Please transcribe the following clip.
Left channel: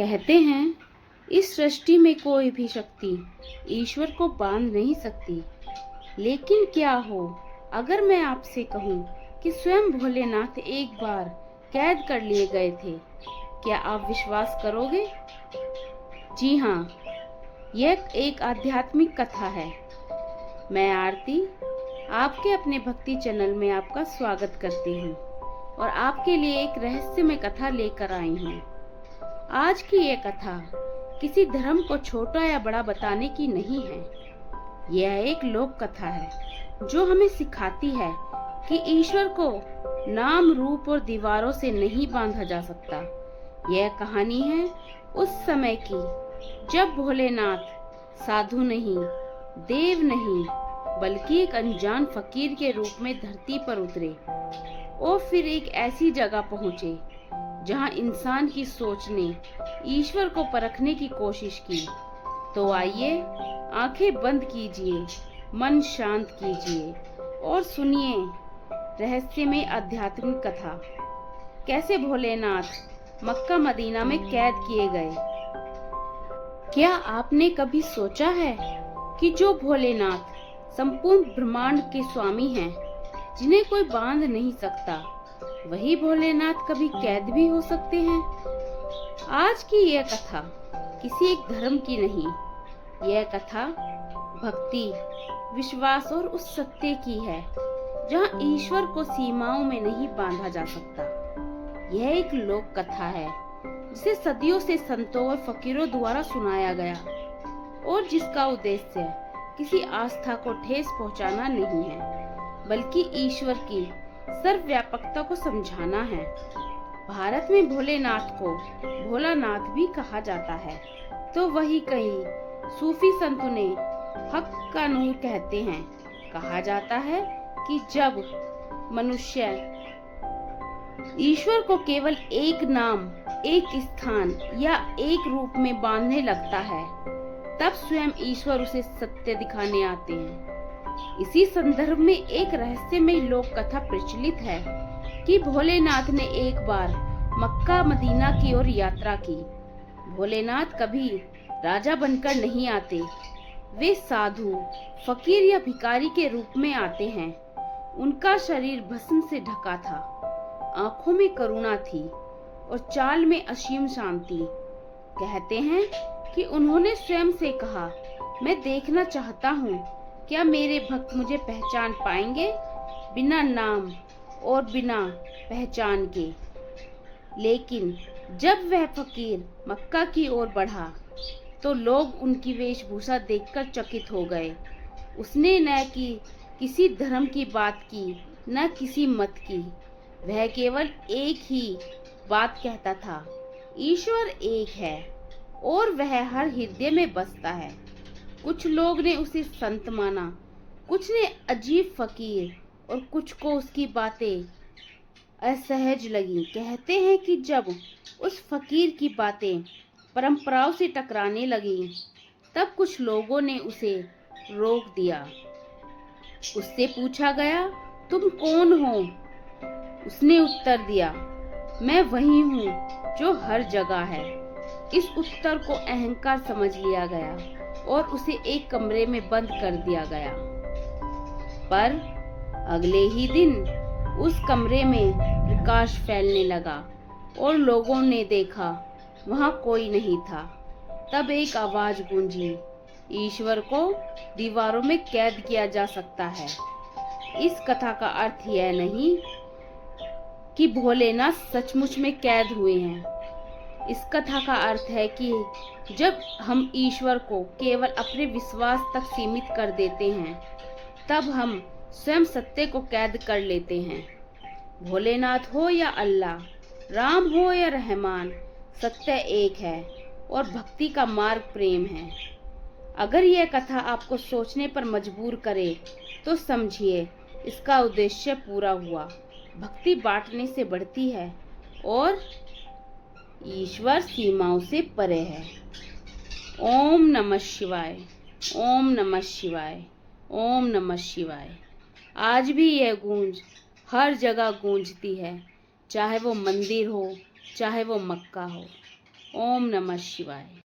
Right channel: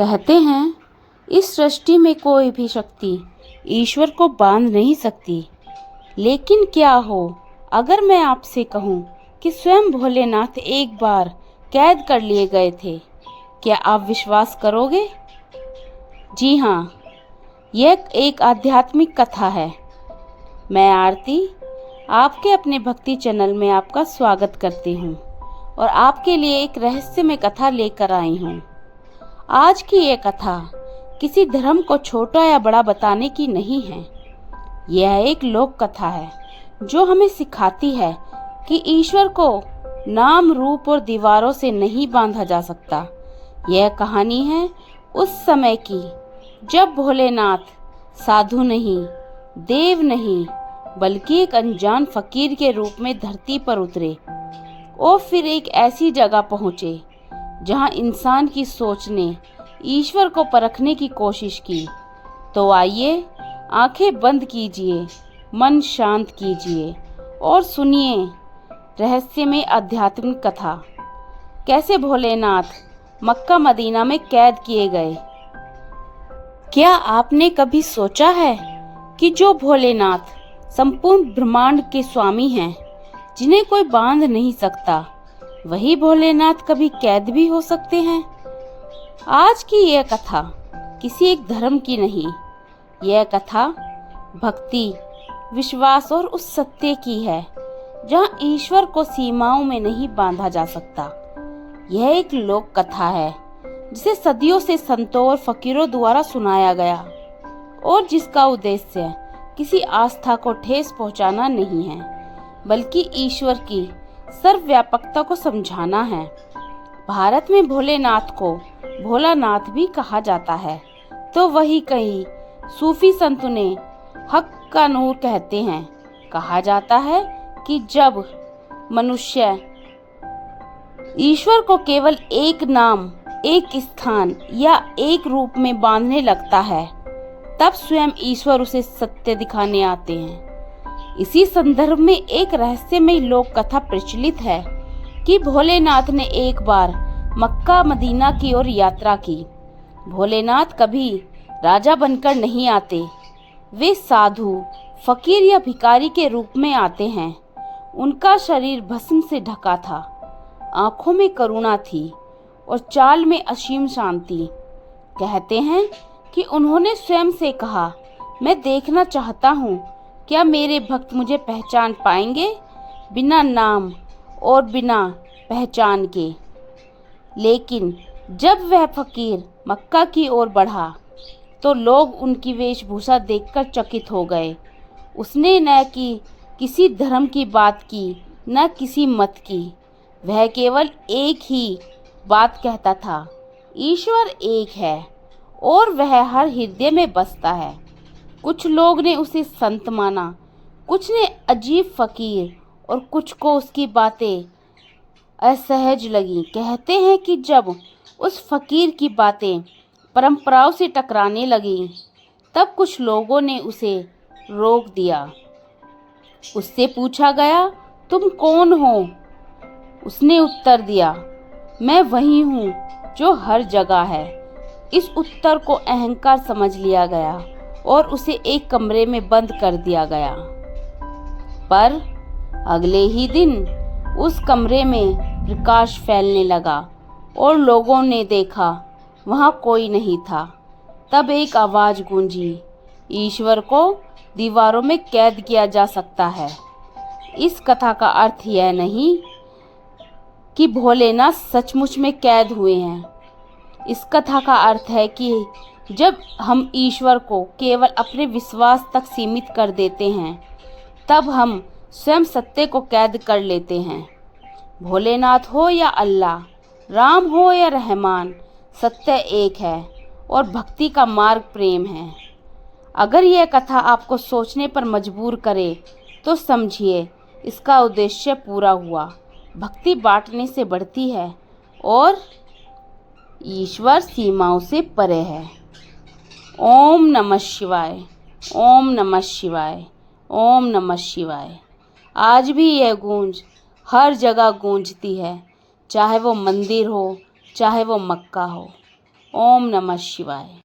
कहते हैं इस सृष्टि में कोई भी शक्ति ईश्वर को बांध नहीं सकती। लेकिन क्या हो अगर मैं आपसे कहूँ कि स्वयं भोलेनाथ एक बार कैद कर लिए गए थे, क्या आप विश्वास करोगे? जी हाँ, यह एक आध्यात्मिक कथा है। मैं आरती आपके अपने भक्ति चैनल में आपका स्वागत करती हूँ और आपके लिए एक रहस्यमय कथा लेकर आई हूँ। आज की ये कथा किसी धर्म को छोटा या बड़ा बताने की नहीं है। यह एक लोक कथा है जो हमें सिखाती है कि ईश्वर को नाम, रूप और दीवारों से नहीं बांधा जा सकता। यह कहानी है उस समय की जब भोलेनाथ साधु नहीं, देव नहीं, बल्कि एक अनजान फकीर के रूप में धरती पर उतरे और फिर एक ऐसी जगह पहुंचे जहां इंसान की सोच ने ईश्वर को परखने की कोशिश की। तो आइए आंखें बंद कीजिए, मन शांत कीजिए और सुनिए रहस्यमय आध्यात्मिक कथा, कैसे भोलेनाथ मक्का मदीना में कैद किए गए। क्या आपने कभी सोचा है कि जो भोलेनाथ संपूर्ण ब्रह्मांड के स्वामी हैं, जिन्हें कोई बांध नहीं सकता, वही भोलेनाथ कभी कैद भी हो सकते हैं? आज की यह कथा किसी एक धर्म की नहीं, यह कथा भक्ति, विश्वास और उस सत्य की है जहां ईश्वर को सीमाओं में नहीं बांधा जा सकता। यह एक लोक कथा है जिसे सदियों से संतों और फकीरों द्वारा सुनाया गया और जिसका उद्देश्य किसी आस्था को ठेस पहुंचाना नहीं है, बल्कि ईश्वर की सर्वव्यापकता को समझाना है। भारत में भोलेनाथ को भोलानाथ भी कहा जाता है, तो वही कहीं सूफी संत ने हक का नूर कहते हैं। कहा जाता है कि जब मनुष्य ईश्वर को केवल एक नाम, एक स्थान या एक रूप में बांधने लगता है, तब स्वयं ईश्वर उसे सत्य दिखाने आते हैं। इसी संदर्भ में एक रहस्यमय लोक कथा प्रचलित है कि भोलेनाथ ने एक बार मक्का मदीना की ओर यात्रा की। भोलेनाथ कभी राजा बनकर नहीं आते, वे साधु, फकीर या भिखारी के रूप में आते हैं। उनका शरीर भस्म से ढका था, आंखों में करुणा थी और चाल में असीम शांति। कहते हैं कि उन्होंने स्वयं से कहा, मैं देखना चाहता हूँ क्या मेरे भक्त मुझे पहचान पाएंगे, बिना नाम और बिना पहचान के। लेकिन जब वह फकीर मक्का की ओर बढ़ा तो लोग उनकी वेशभूषा देखकर चकित हो गए। उसने न कि किसी धर्म की बात की, न किसी मत की। वह केवल एक ही बात कहता था, ईश्वर एक है और वह हर हृदय में बसता है। कुछ लोग ने उसे संत माना, कुछ ने अजीब फकीर और कुछ को उसकी बातें असहज लगी। कहते हैं कि जब उस फकीर की बातें परंपराओं से टकराने लगी, तब कुछ लोगों ने उसे रोक दिया। उससे पूछा गया, तुम कौन हो? उसने उत्तर दिया, मैं वही हूँ जो हर जगह है। इस उत्तर को अहंकार समझ लिया गया और उसे एक कमरे में बंद कर दिया गया। पर अगले ही दिन उस कमरे में प्रकाश फैलने लगा और लोगों ने देखा वहां कोई नहीं था। तब एक आवाज गूंजी, ईश्वर को दीवारों में कैद किया जा सकता है। इस कथा का अर्थ यह नहीं कि भोलेनाथ सचमुच में कैद हुए हैं। इस कथा का अर्थ है कि जब हम ईश्वर को केवल अपने विश्वास तक सीमित कर देते हैं, तब हम स्वयं सत्य को कैद कर लेते हैं। भोलेनाथ हो या अल्लाह, राम हो या रहमान, सत्य एक है और भक्ति का मार्ग प्रेम है। अगर यह कथा आपको सोचने पर मजबूर करे तो समझिए इसका उद्देश्य पूरा हुआ। भक्ति बांटने से बढ़ती है और ईश्वर सीमाओं से परे है। ओम नमः शिवाय, ओम नमः शिवाय, ओम नमः शिवाय। आज भी यह गूंज हर जगह गूंजती है, चाहे वो मंदिर हो, चाहे वो मक्का हो। ओम नमः शिवाय।